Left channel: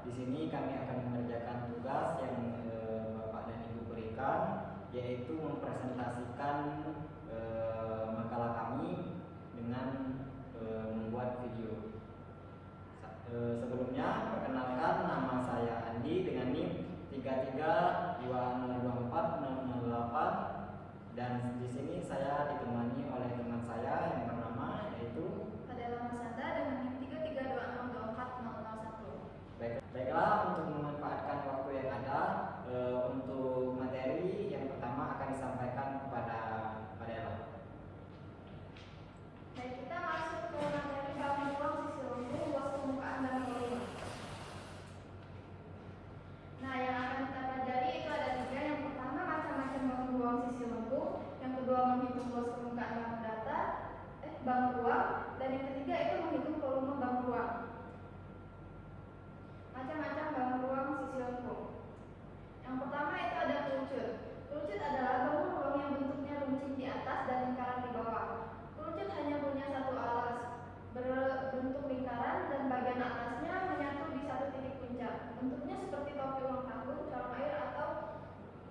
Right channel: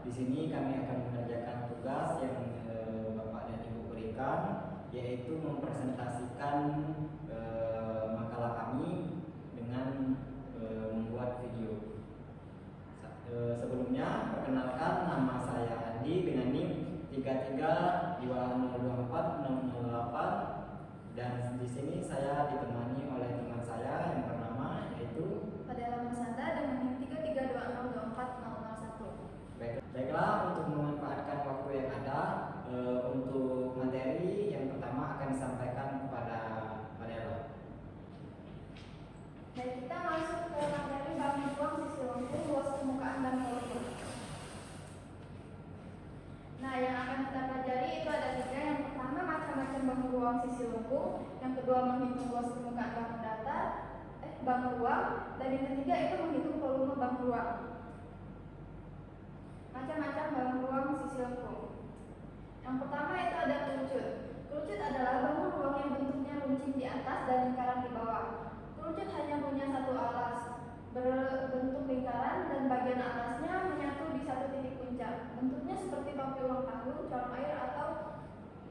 Di sini kami akan mengerjakan tugas yang Bapak dan Ibu berikan, yaitu mempresentasikan makalah kami dengan membuat video. Sebelumnya, perkenalkan, nama saya Andi dengan NIM 3320240008, dan di sini saya ditemani oleh teman saya yang bernama yaitu Fadela Masanda dengan NIM 3320240001. Baiklah, untuk memanfaatkan waktu yang ada, untuk materi yang pertama akan disampaikan kepada Fadela. Baik, kita masuk ke materi bangun ruang sisi lengkung, luas permukaan dan volume. Nah, yang akan kita pelajari itu ada 3. Yang pertama, macam-macam bangun ruang sisi lengkung. Yang kedua, menghitung luas permukaan bangun ruang. Dan yang ketiga itu menghitung volume bangun ruang. Macam-macam bangun ruang sisi lengkung. Yang pertama itu ada kerucut. Kerucut adalah bangun ruang yang bentuknya runcing di atas dan lingkaran di bawah. Kerucut hanya punya satu alas, berbentuk lingkaran, dan bagian atasnya menyatu di satu titik puncak. Bentuknya seperti topi ulang tahun, corong air, atau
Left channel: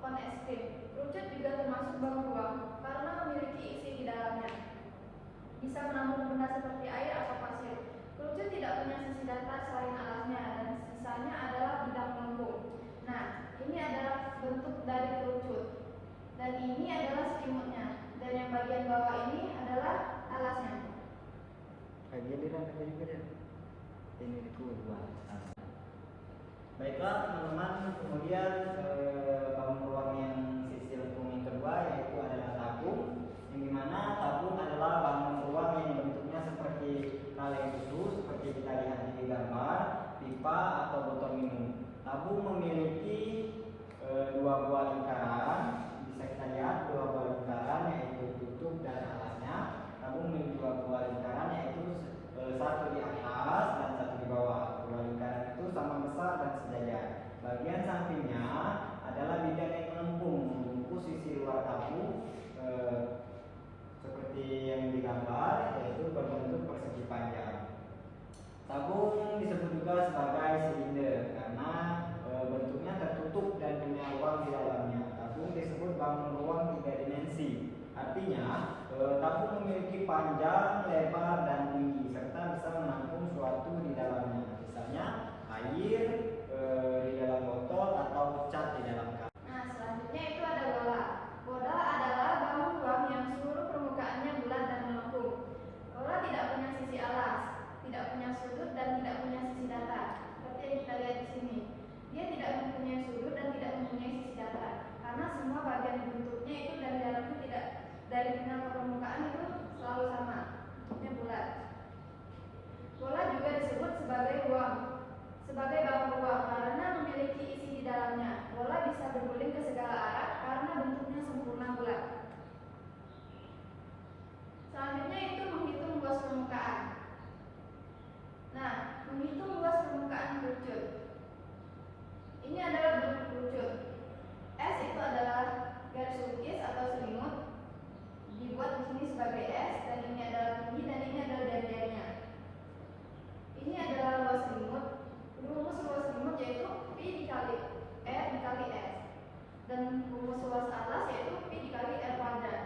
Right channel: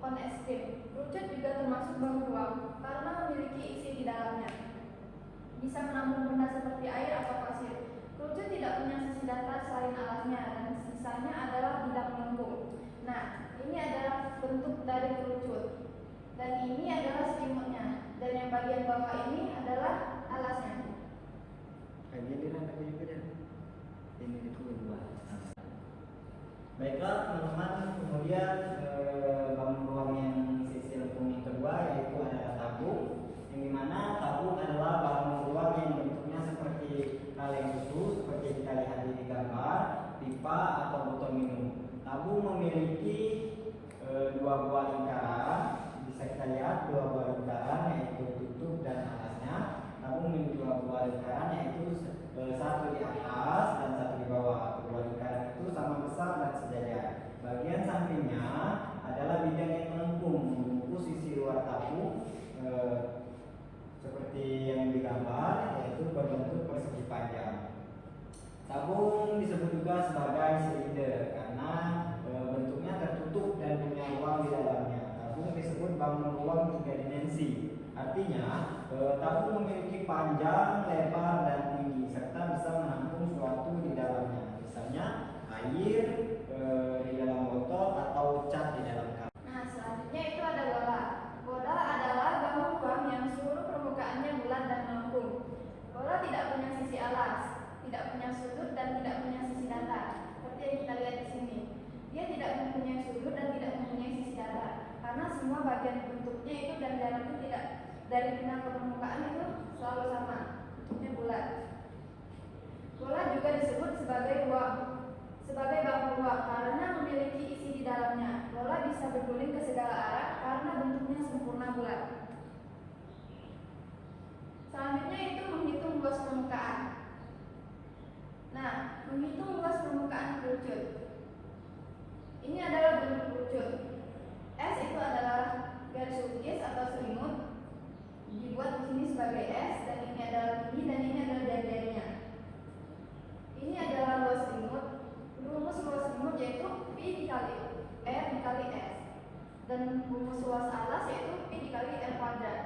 kon es krim. Kerucut juga termasuk bangun ruang karena memiliki isi di dalamnya. Bisa menampung benda seperti air atau pasir. Kerucut tidak punya sisi datar selain alasnya, dan sisanya adalah bidang melengkung. Nah, ini adalah bentuk dari kerucut, dan ini adalah selimutnya, dan yang bagian bawah ini adalah alasnya. Ini itu dua. Baiklah teman-teman, kemudian bangun ruang yang sisi lengkung yang kedua yaitu adalah tabung, yang dimana tabung adalah bangun ruang yang bentuknya seperti kaleng susu, seperti kita lihat di gambar, pipa atau botol minum. Tabung memiliki dua buah lingkaran, bisa kita lihat dua buah lingkaran yaitu tutup dan alasnya. Tabung memiliki dua buah lingkaran yaitu satu di atas dan satu di bawah. Kedua lingkaran itu sama besar dan sejajar. Bagian sampingnya adalah bidang yang melengkung membungkus sisi luar tabung seperti yang digambar, yaitu berbentuk persegi panjang. Tabung disebut juga sebagai silinder karena bentuknya tertutup dan punya ruang di dalamnya. Tabung disebut bangun ruang 3 dimensi. Artinya, tabung memiliki panjang, lebar, dan tinggi, serta bisa menampung suatu di dalamnya. Misalnya, air di dalam botol atau cat di dalam cup. Nah, selanjutnya itu ada bola. Bola adalah bangun ruang yang seluruh permukaannya bulat dan melengkung. Bola tidak punya sisi alas, tidak punya sudut, dan tidak punya sisi datar, seperti yang kita lihat di sini. Dia tidak mempunyai sudut dan tidak mempunyai sisi datar, karena semua bagian bentuknya itu dan jaraknya tidak dari final ke permukaan itu selalu sama, bentuknya bulat. Bola juga disebut sebagai bangun ruang karena memiliki isi di dalamnya. Bola bisa berguling ke segala arah karena bentuknya sempurna bulat. Selanjutnya itu menghitung luas permukaan. Nah, menghitung luas permukaan kerucut. Ini adalah bentuk kerucut. S itu adalah garis lukis atau selimut, dibuat di sini sebagai S, dan ini adalah tinggi, dan ini adalah jari-jarinya. Ini adalah luas selimut. Rumus luas selimut yaitu Pi dikali R dikali S, dan rumus luas alas yaitu Pi dikali R kuadrat.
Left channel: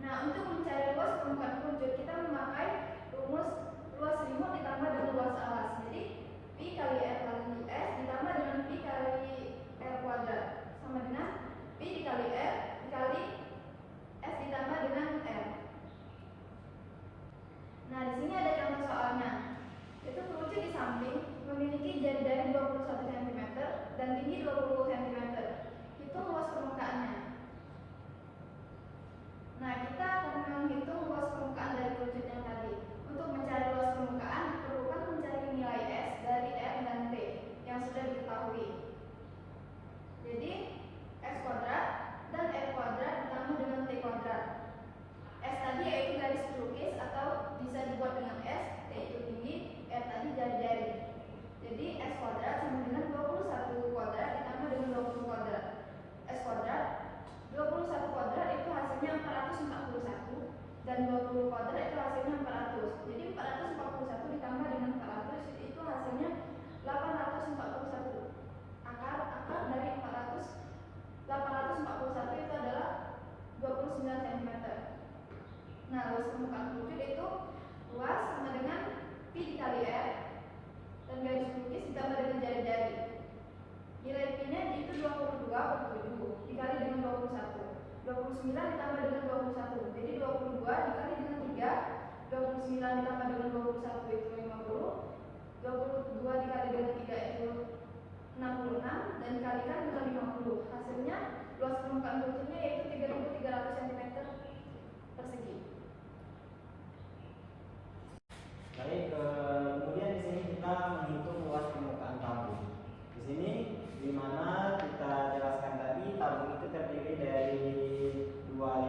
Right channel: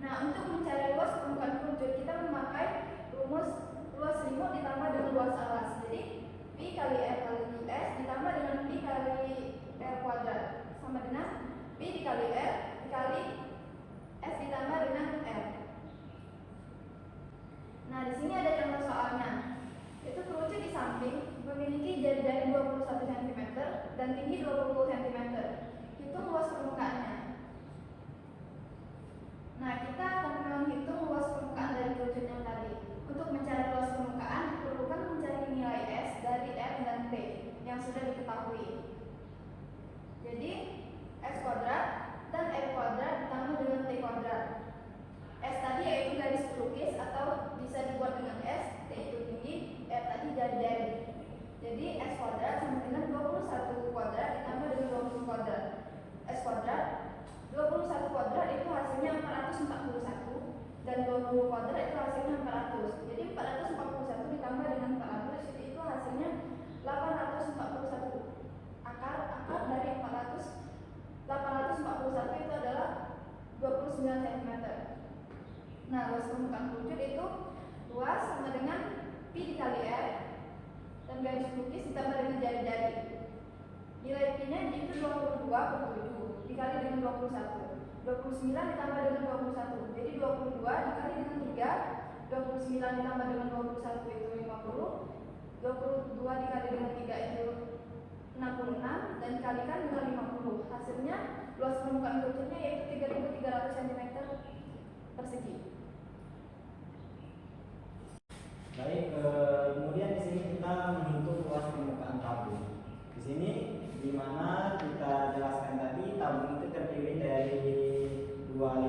Nah, untuk mencari luas permukaan kerucut kita memakai rumus luas selimut ditambah dengan luas alas. Jadi Pi kali R kali S ditambah dengan Pi kali R kuadrat sama dengan Pi dikali R dikali S ditambah dengan R. Nah, di sini ada contoh soalnya. Itu kerucut di samping memiliki jari-jari 21 cm dan tinggi 20 cm. Hitung luas permukaannya. Nah, kita akan menghitung luas permukaan dari kerucut yang tadi. Untuk mencari luas permukaan diperlukan mencari nilai S dari R dan T yang sudah diketahui. Jadi S kuadrat dan R kuadrat ditambah dengan T kuadrat. S tadi yaitu garis pelukis atau bisa dibuat dengan S, T itu tinggi, R tadi jari-jari. Jadi S kuadrat sama dengan 21 kuadrat ditambah dengan 20 kuadrat. S kuadrat 21 kuadrat itu hasilnya 441 dan 20 kuadrat itu hasilnya 400. Jadi 441 ditambah dengan 400 itu hasilnya 841 garis lukis ditambah dengan jari-jari. Nilai P-nya itu 22 per 7 dikali dengan 21. 29 ditambah dengan 21. Jadi 22 dikali dengan 3, 29 ditambah dengan 21 itu 50. 22 dikali dengan 3 itu 66 dan dikalikan dengan 50. Hasilnya luas permukaan kerucutnya yaitu 3.300 cm persegi. Baik, kemudian di sini kita menghitung luas permukaan tabung. Di sini di mana kita jelaskan tadi tabung itu terdiri dari dua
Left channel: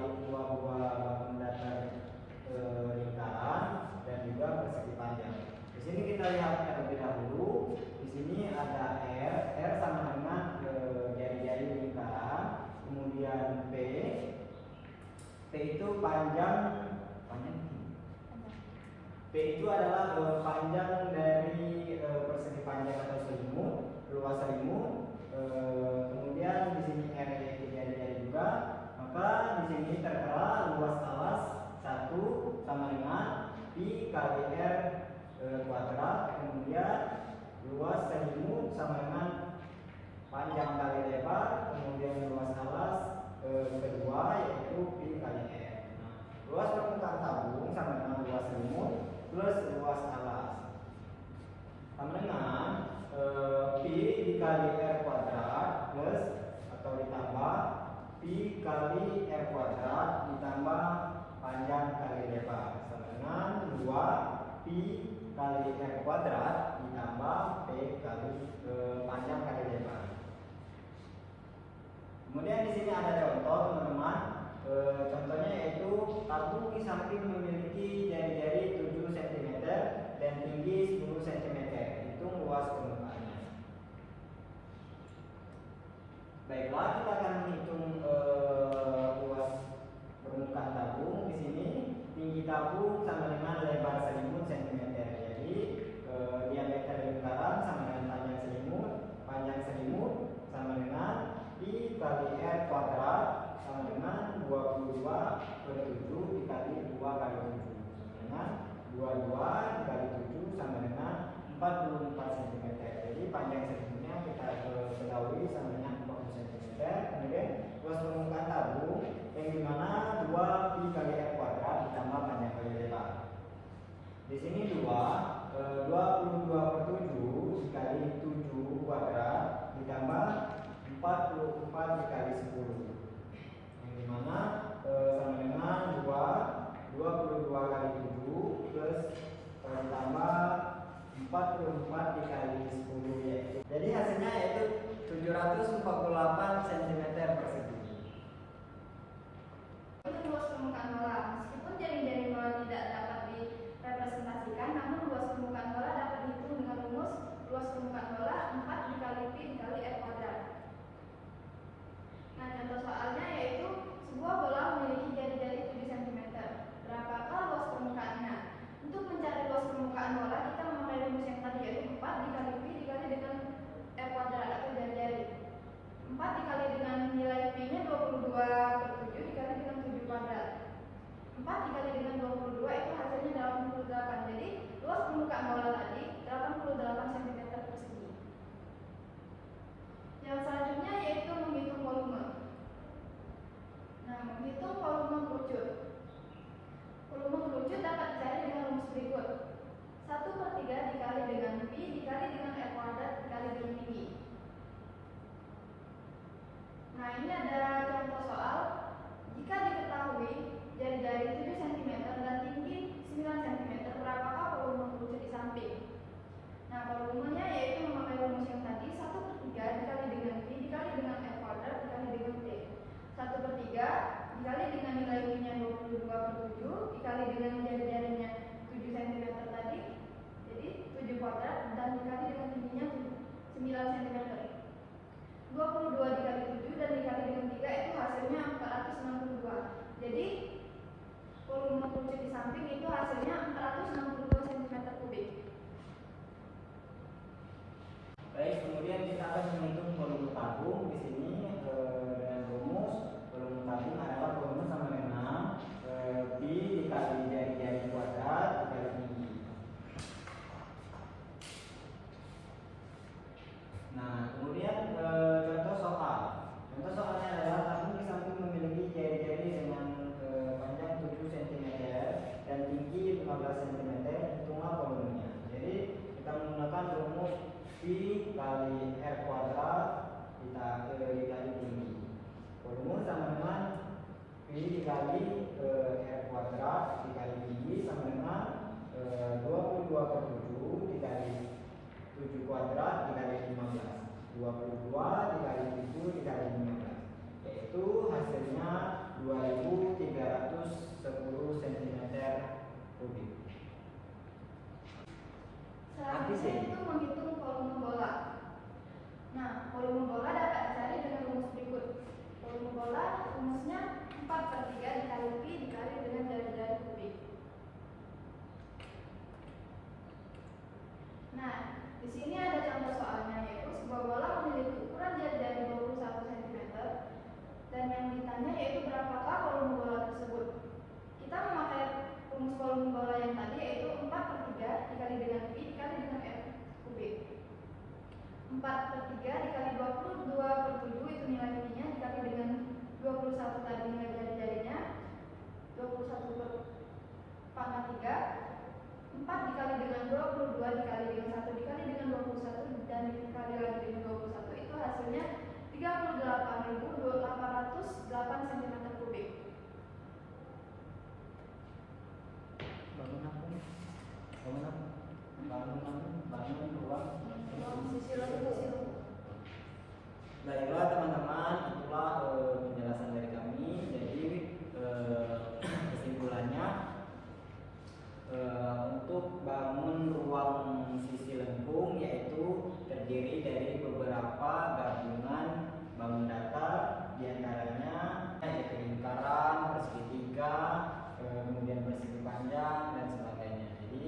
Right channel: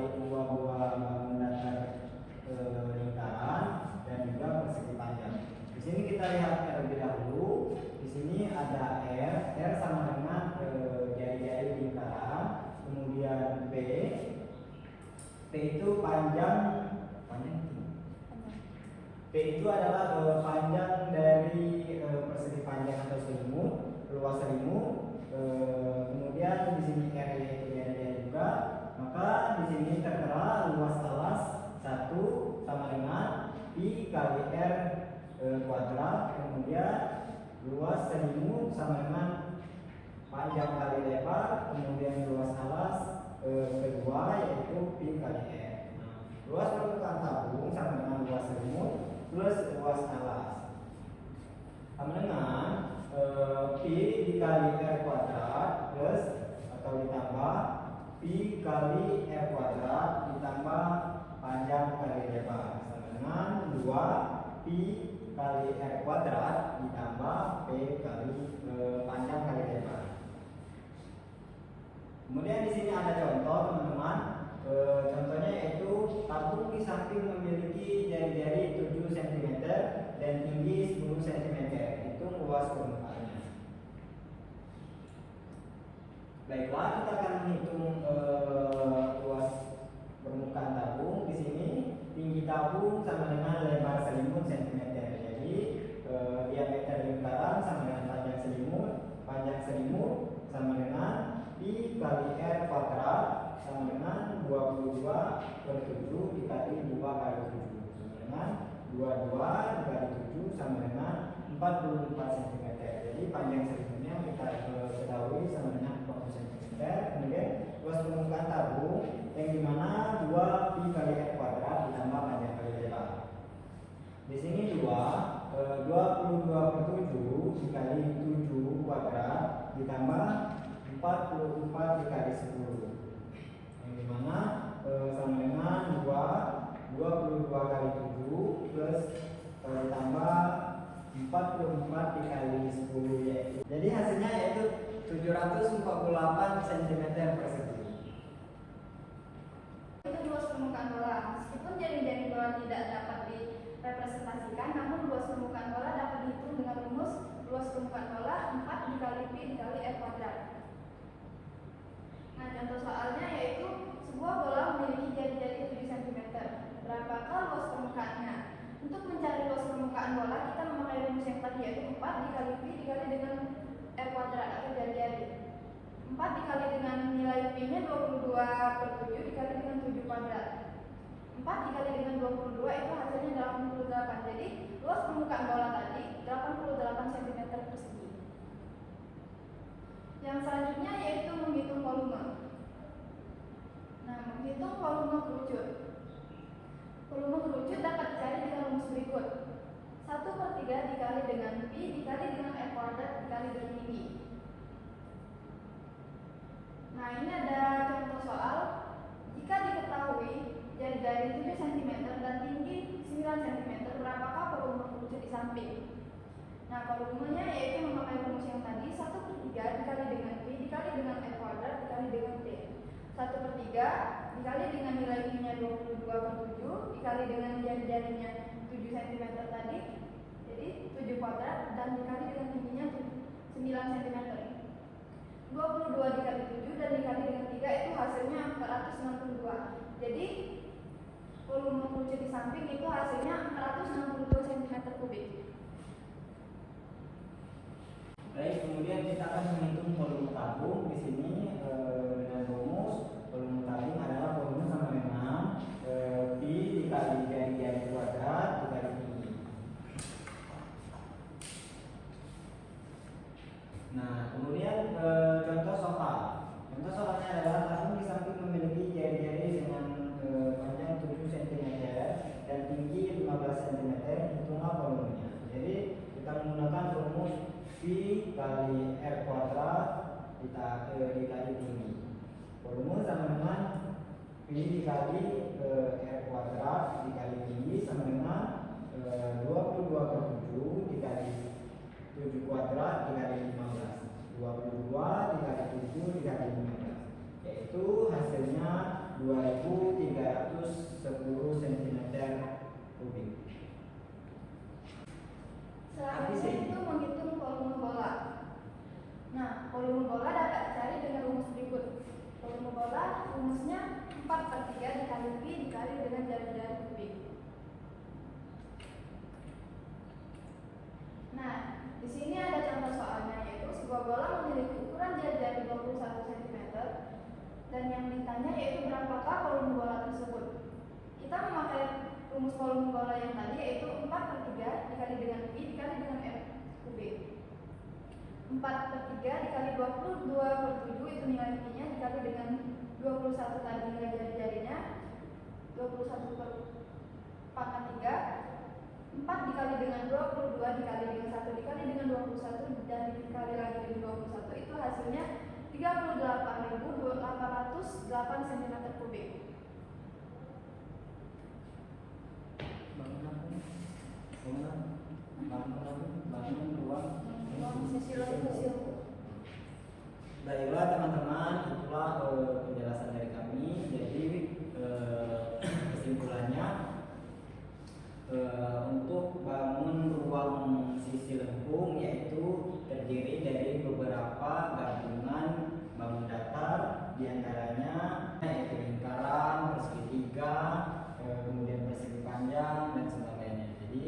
bangun datar lingkaran dan juga persegi panjang. Di sini kita lihat terlebih dahulu. Di sini ada R sama dengan jari-jari lingkaran, kemudian P itu panjang P itu adalah panjang dari persegi panjang atau selimut, luas selimut. Kemudian di sini R itu jari-jari juga. Maka di sini tertera luas alas 1 sama dengan Pi kali R kuadrat. Kemudian luas selimut sama dengan panjang kali lebar. Kemudian luas alas kedua yaitu Pi kali R. Luas permukaan tabung sama dengan luas selimut plus luas alas sama dengan Pi dikali R kuadrat plus atau ditambah Pi kali R kuadrat ditambah panjang kali lebar sama dengan 2 Pi kali R kuadrat ditambah P kali panjang kali lebar. Kemudian di sini ada contoh teman-teman. Contohnya yaitu tabung di samping memiliki jari-jari 7 cm dan tinggi 10 cm. Hitung luas permukaannya. Baiklah, kita akan menghitung luas permukaan tabung. Di sini tinggi tabung sama dengan lebar selimut cm. Jadi diameter lingkaran sama dengan panjang selimut sama dengan Pi kali R kuadrat sama dengan 22 per 7 dikali 2 kali 7 sama dengan 22 dikali 7 sama dengan 44 cm. Jadi panjang selimutnya kita ketahui sama dengan 40 cm. Kemudian luas permukaan tabung yang dimana 2 Pi kali R kuadrat ditambah panjang kali lebar. Di sini 22 per 7 dikali 7 kuadrat ditambah 44 dikali 10. Dimana sama dengan 22 kali 7 plus ditambah 44 dikali 10 yaitu. Jadi hasilnya yaitu 748 cm persegi. Itu luas permukaan bola. Meskipun jari-jari bola tidak dapat direpresentasikan, namun luas permukaan bola dapat dihitung dengan rumus luas permukaan bola 4 dikali Pi dikali R kuadrat. Nah, contoh soalnya yaitu sebuah bola memiliki jari-jari 7 cm. Berapakah luas permukaannya? Untuk mencari luas permukaan bola, kita memakai rumus yang tadi yaitu 4 dikali Pi dikali dengan R kuadrat atau jari-jari. 4 dikali dengan nilai Pi-nya 22 per 7 dikali dengan 7 kuadrat. 4 dikali dengan 22 itu hasilnya 88. Jadi luas permukaan bola tadi 88 cm persegi. Yang selanjutnya yaitu menghitung volume. Nah, menghitung volume kerucut. Volume kerucut dapat dicari dengan rumus berikut. 1/3 dikali dengan Pi dikali dengan R kuadrat dikali dengan tinggi. Nah, ini ada contoh soal. Jika diketahui jari-jari 7 cm dan tinggi 9 cm, berapakah volume kerucut di samping? Nah, volumenya yaitu memakai rumus yang tadi 1/3 dikali dengan Pi dikali dengan R kuadrat dikali dengan P. 1/3 dikali dengan nilai Pi-nya 22 per 7 dikali dengan jari-jarinya 7 cm tadi, jadi 7 kuadrat, dan dikali dengan tingginya 9 cm. 22 dikali 7 dan dikali dengan 3 itu hasilnya 462. Jadi volume kerucut di samping itu hasilnya 462 cm kubik. Baik, kemudian kita akan menghitung volume tabung. Di sini dengan rumus volume tabung adalah volume sama dengan Pi dikali jari-jari kuadrat dikali tinggi. dikali R kuadrat dikali tinggi. Volume sama dengan V dikali R kuadrat dikali tinggi sama dengan 22 per 7 dikali 7 kuadrat dikali 15. 22 dikali 7 dikali 15, yaitu hasilnya 2310 cm kubik. Selanjutnya itu menghitung volume bola. Nah, volume bola dapat dicari dengan rumus berikut. Volume bola rumusnya 4/3 dikali Pi dikali dengan jari-jari kubik. Nah, di sini ada contoh soalnya, yaitu sebuah bola memiliki ukuran jari-jari 21 cm dan yang ditanya yaitu berapakah volume bola tersebut. Kita memakai rumus volume bola yang tadi, yaitu 4/3 dikali dengan Pi dikali dengan R kubik. 4/3 dikali 22 per 7 itu nilai Pi nya dikali dengan 21 tadi nilai jari-jarinya, 21 per 4/3. 4 dikali dengan 22 dikali dengan 1 dikali dengan 21 dan dikali lagi dengan 21, itu hasilnya 38.808 cm kubik. Bangun ruang Sisi lembu. Baiklah teman-teman, itulah penjelasan dari kami. Jadi kesimpulannya, untuk bangun ruang sisi lengkung yaitu terdiri dari beberapa gabungan bangun datar, diantaranya yaitu lingkaran, persegi 3, kemudian persegi panjang dan sebagainya. Jadi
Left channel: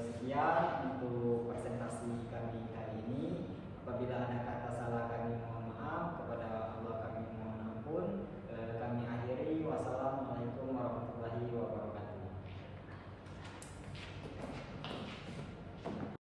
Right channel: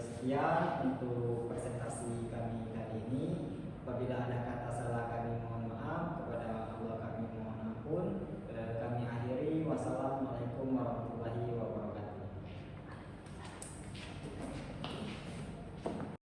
sekian untuk presentasi kami kali ini. Apabila ada kata salah kami mohon maaf, kepada Allah kami